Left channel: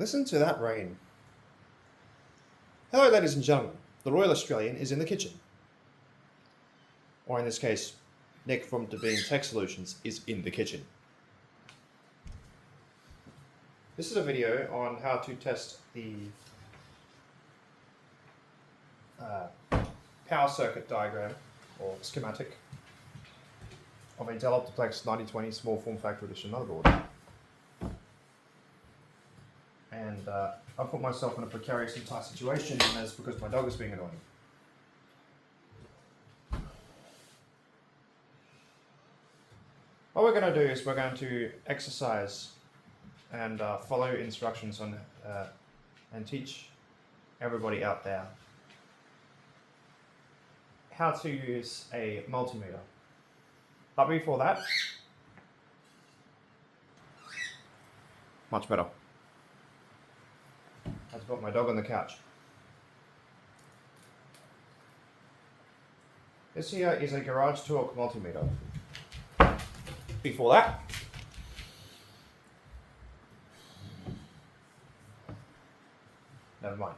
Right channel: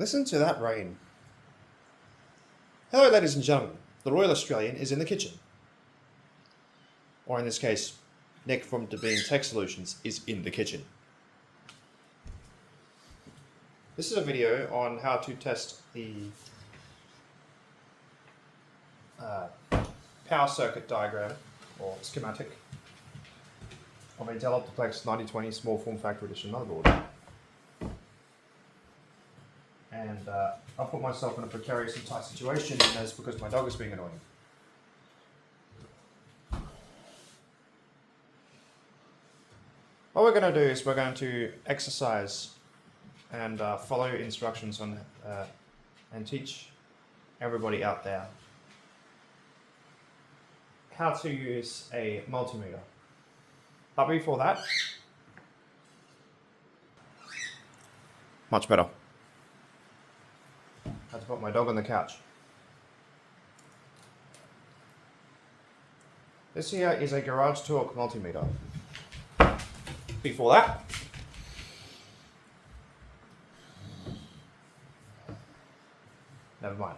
Listen to that rain. Hello, ladies and gentlemen. The Royal Australian is in the kitchen. Or in this case, Nick from Devine Tech Solutions is in the kitchen. This is a video on how to test the power circuit diagram or schematic of a Dell OptiPlex 9020 small form factor edition motherboard. And I put myself in a precarious and tight situation, and that's because my dog is being annoying. What we're going to do is we're going to exercise and follow instructions on and teach everybody out there how to use a multimeter. But before that, much better. I had to put my dog on the couch. This here is a garage torque multimeter. Before that, never mind.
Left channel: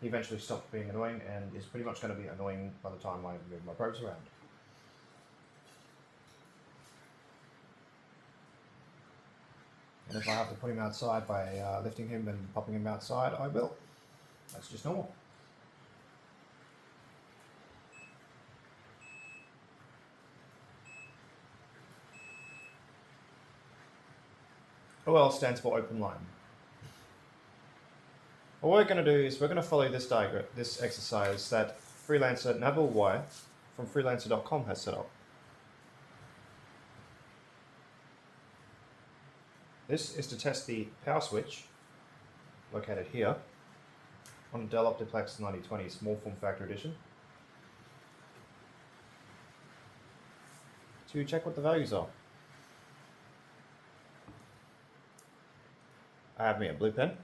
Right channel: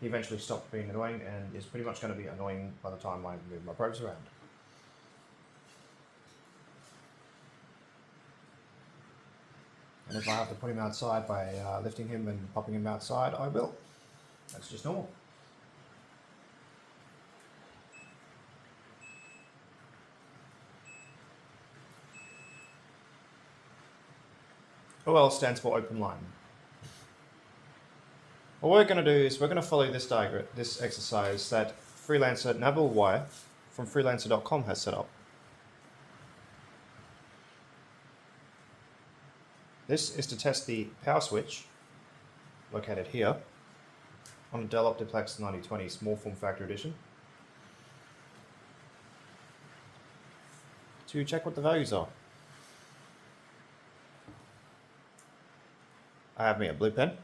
He eventually stopped being annoying and is pretty much going to be annoying by the time I move my probes around. And if I have to put him outside by lifting him and popping him outside, I will. That's just normal. OL stands for open line. What we're going to do is we're going to follow this diagram, this exercise that freelancer Nabil Wire from freelancer.com has set up. This is to test the power switch located here on a Dell OptiPlex 9020 small form factor edition to check what the values are. I have me a blue pen.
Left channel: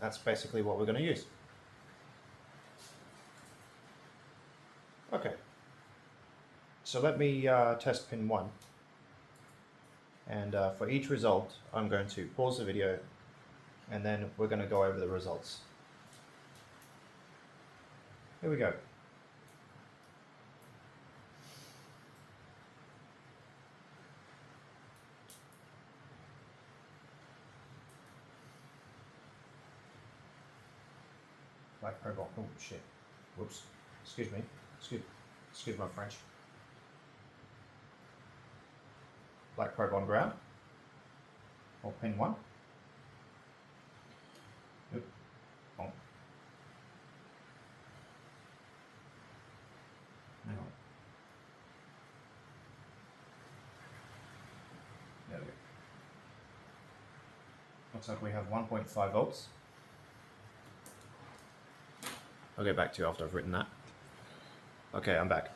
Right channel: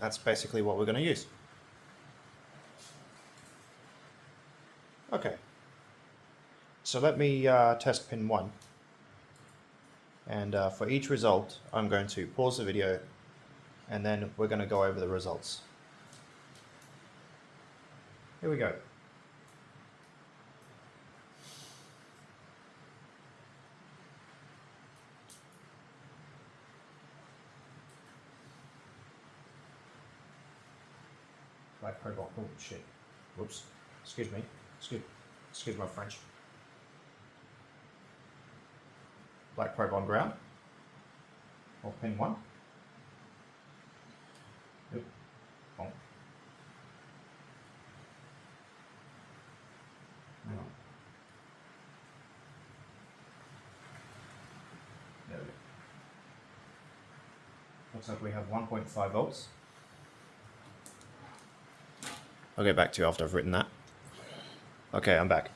That's basically what we're going to use. Okay, so let me test pin 1. And for each result, I'm going to pause the video and then we're going to go over the results. Here we go. Black probe on. Oh shit. Whoops. Excuse me. Excuse my French. Black probe on ground, or pin 1. Yep. Oh. Hang on. There we go. Looks like we have 1.5 volts. I'll get back to you after I've written that. Okay, I'm back.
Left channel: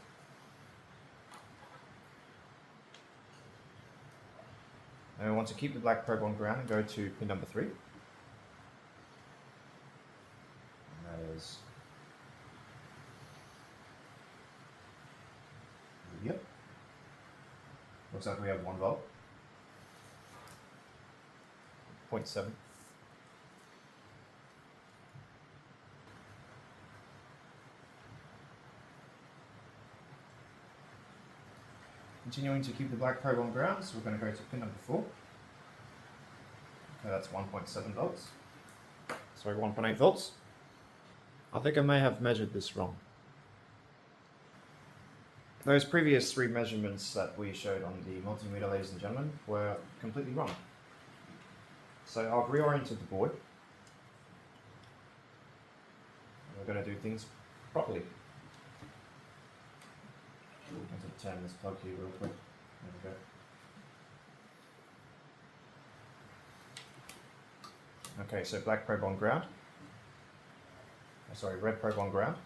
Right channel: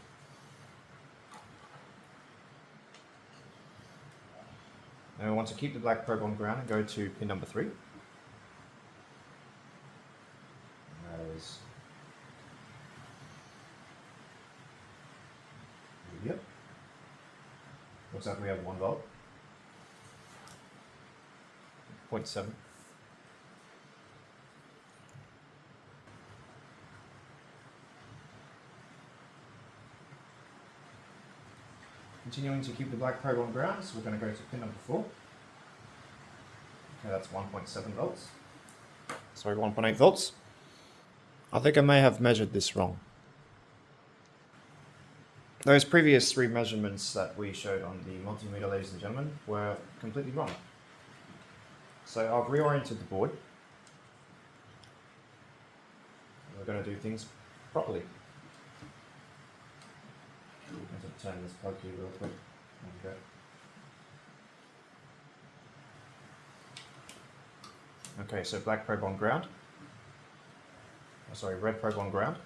And we want to keep the black probe on ground and go to pin number 3. And that is here. Looks like we have 1 volt. 0.7. Continuing to keep the black probe on ground, so we're going to go to pin number 4. Okay, that's 1.7 volts. Sorry, 1.8 volts. I think I may have measured this wrong. Those previous 3 measurements that we showed on the multimeter, ladies and gentlemen, were completely wrong. So I've reoriented the board. We're going to do things properly. I'll turn this plug here real quick. There we go. Okay, so black probe on ground. Oh, sorry, red probe on ground.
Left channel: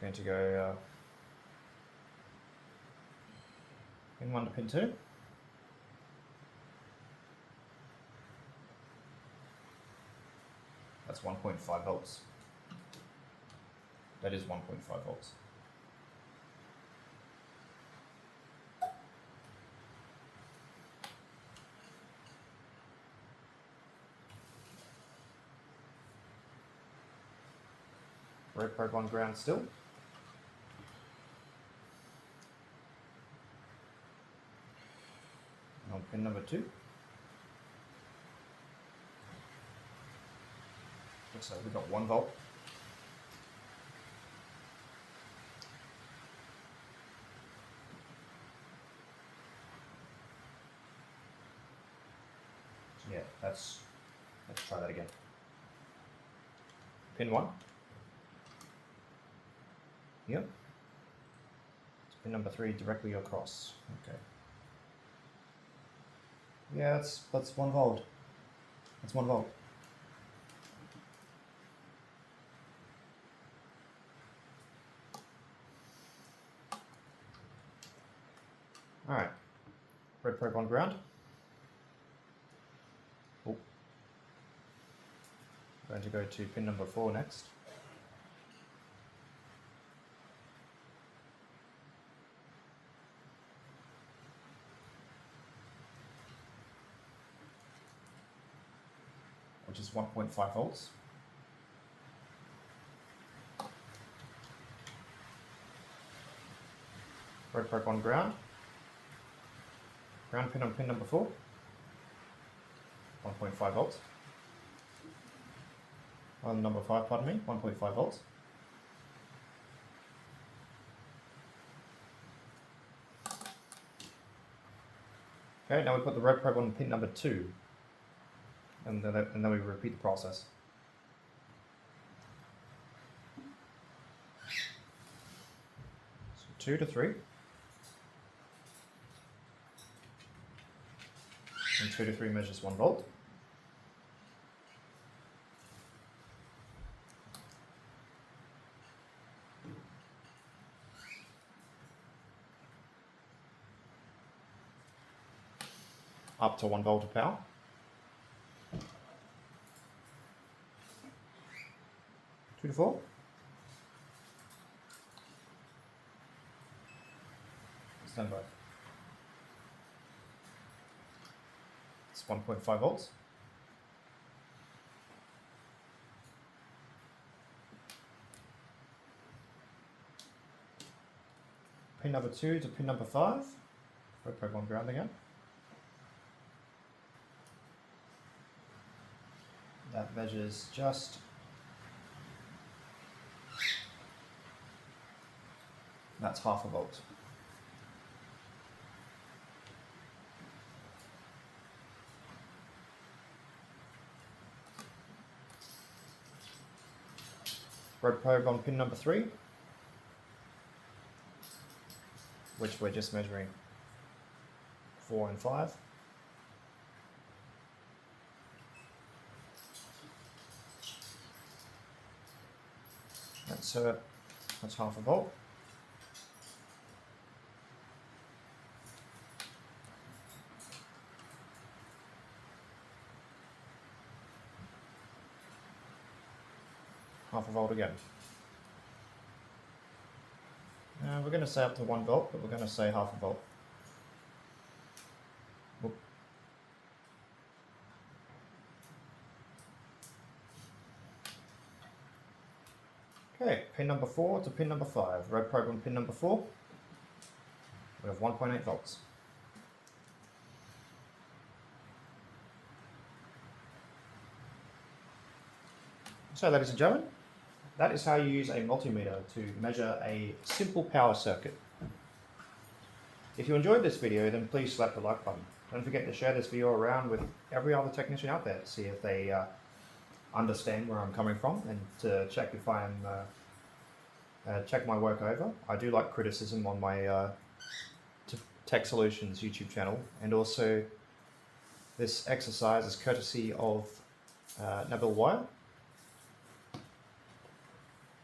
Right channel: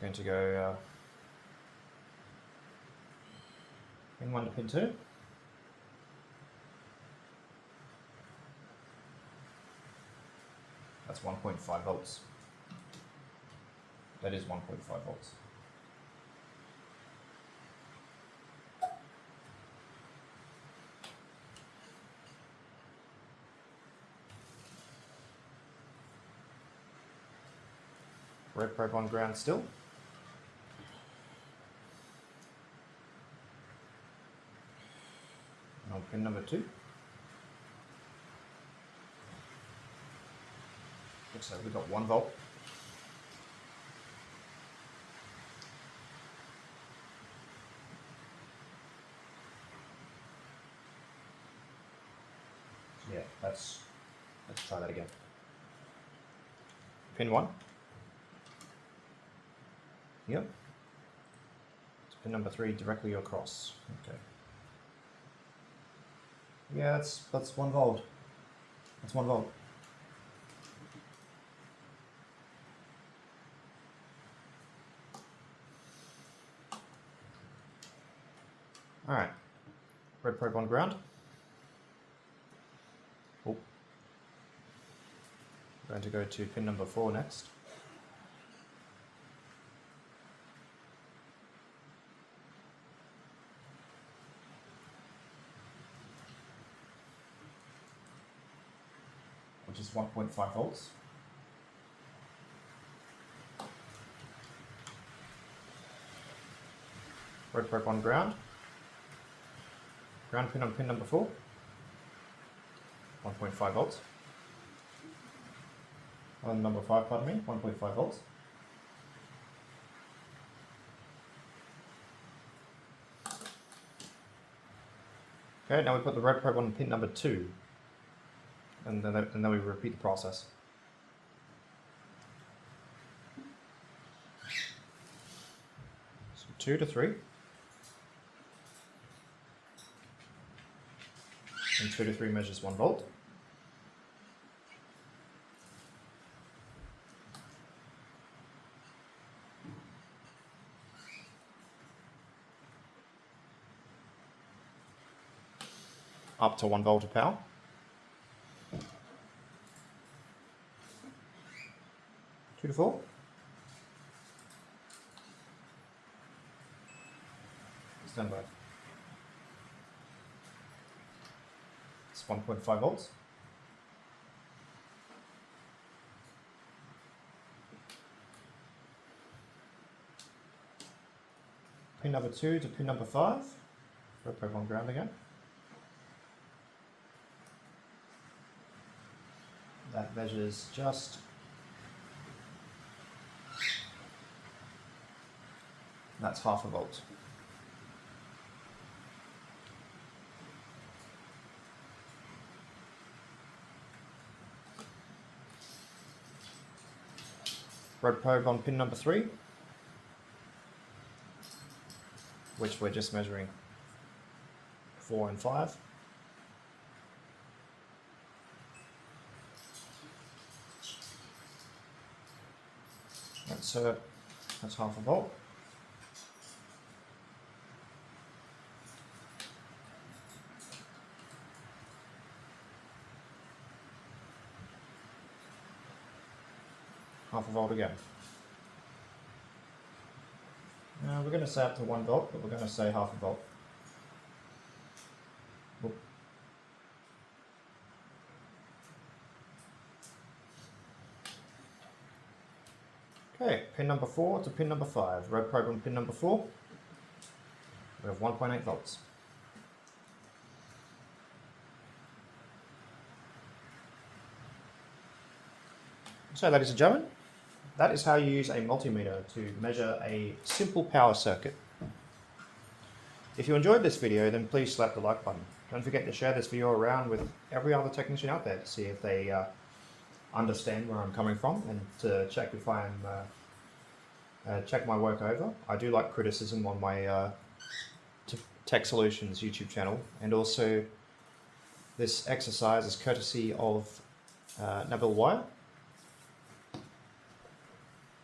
We're going to go pin 1 to pin 2. That's 1.5 volts. That is 1.5 volts. red probe on ground still. On pin number 2. Looks like we've got 1 volt. Yeah, let's try that again. Pin 1. Yep. It's pin number 3 directly across. Okay. Yeah, that's 1 volt. That's 1 volt. Alright. Red probe on ground. Oh. Going to go to pin number 4 next. Which is 1.5 volts. Red probe on ground. Ground pin on pin number 4. 1.5 volts. On number 5, pardon me, 1.5 volts. Okay, now we put the red probe on pin number 2. And then we repeat the process. So 2 to 3. And 2 to 3 measures 1 volt. Up to 1 volt of power. Two to 4. Stand by. It's 1.5 volts. Pin number 2 to pin number 5. Red probe on ground again. That measures just that's half a volt. Red probe on pin number 3, which we're just measuring 4 and 5. That's half a volt. Half a volt again. Now we're going to say up to 1 volt, but we're going to say half a volt. Whoop. Okay, pin number 4 to pin number 5. Red probe on pin number 4. We have 1.8 volts. So, ladies and gentlemen, that is how you use a multimeter to measure a simple power circuit. If you enjoyed this video, then please slap the like button. Don't forget to share this video around with every other technician out there to see if they understand where I'm coming from and to check if I'm check my work over. I do like criticism on my Tech Solutions YouTube channel, and also this exercise is courtesy of Nabil Wire.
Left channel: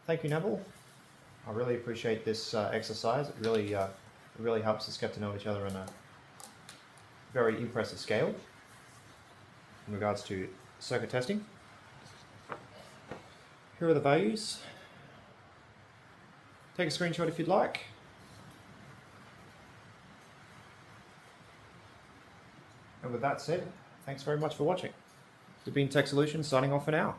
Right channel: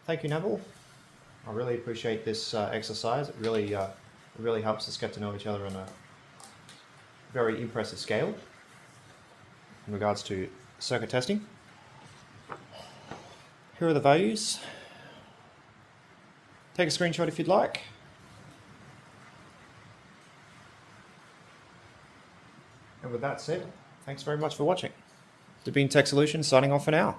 Thank you, Nabil. I really appreciate this exercise. It really helps us get to know each other on a very impressive scale in regards to circuit testing. Here are the values. Take a screenshot if you'd like. And with that said, thanks very much for watching. This has been Tech Solutions signing off for now.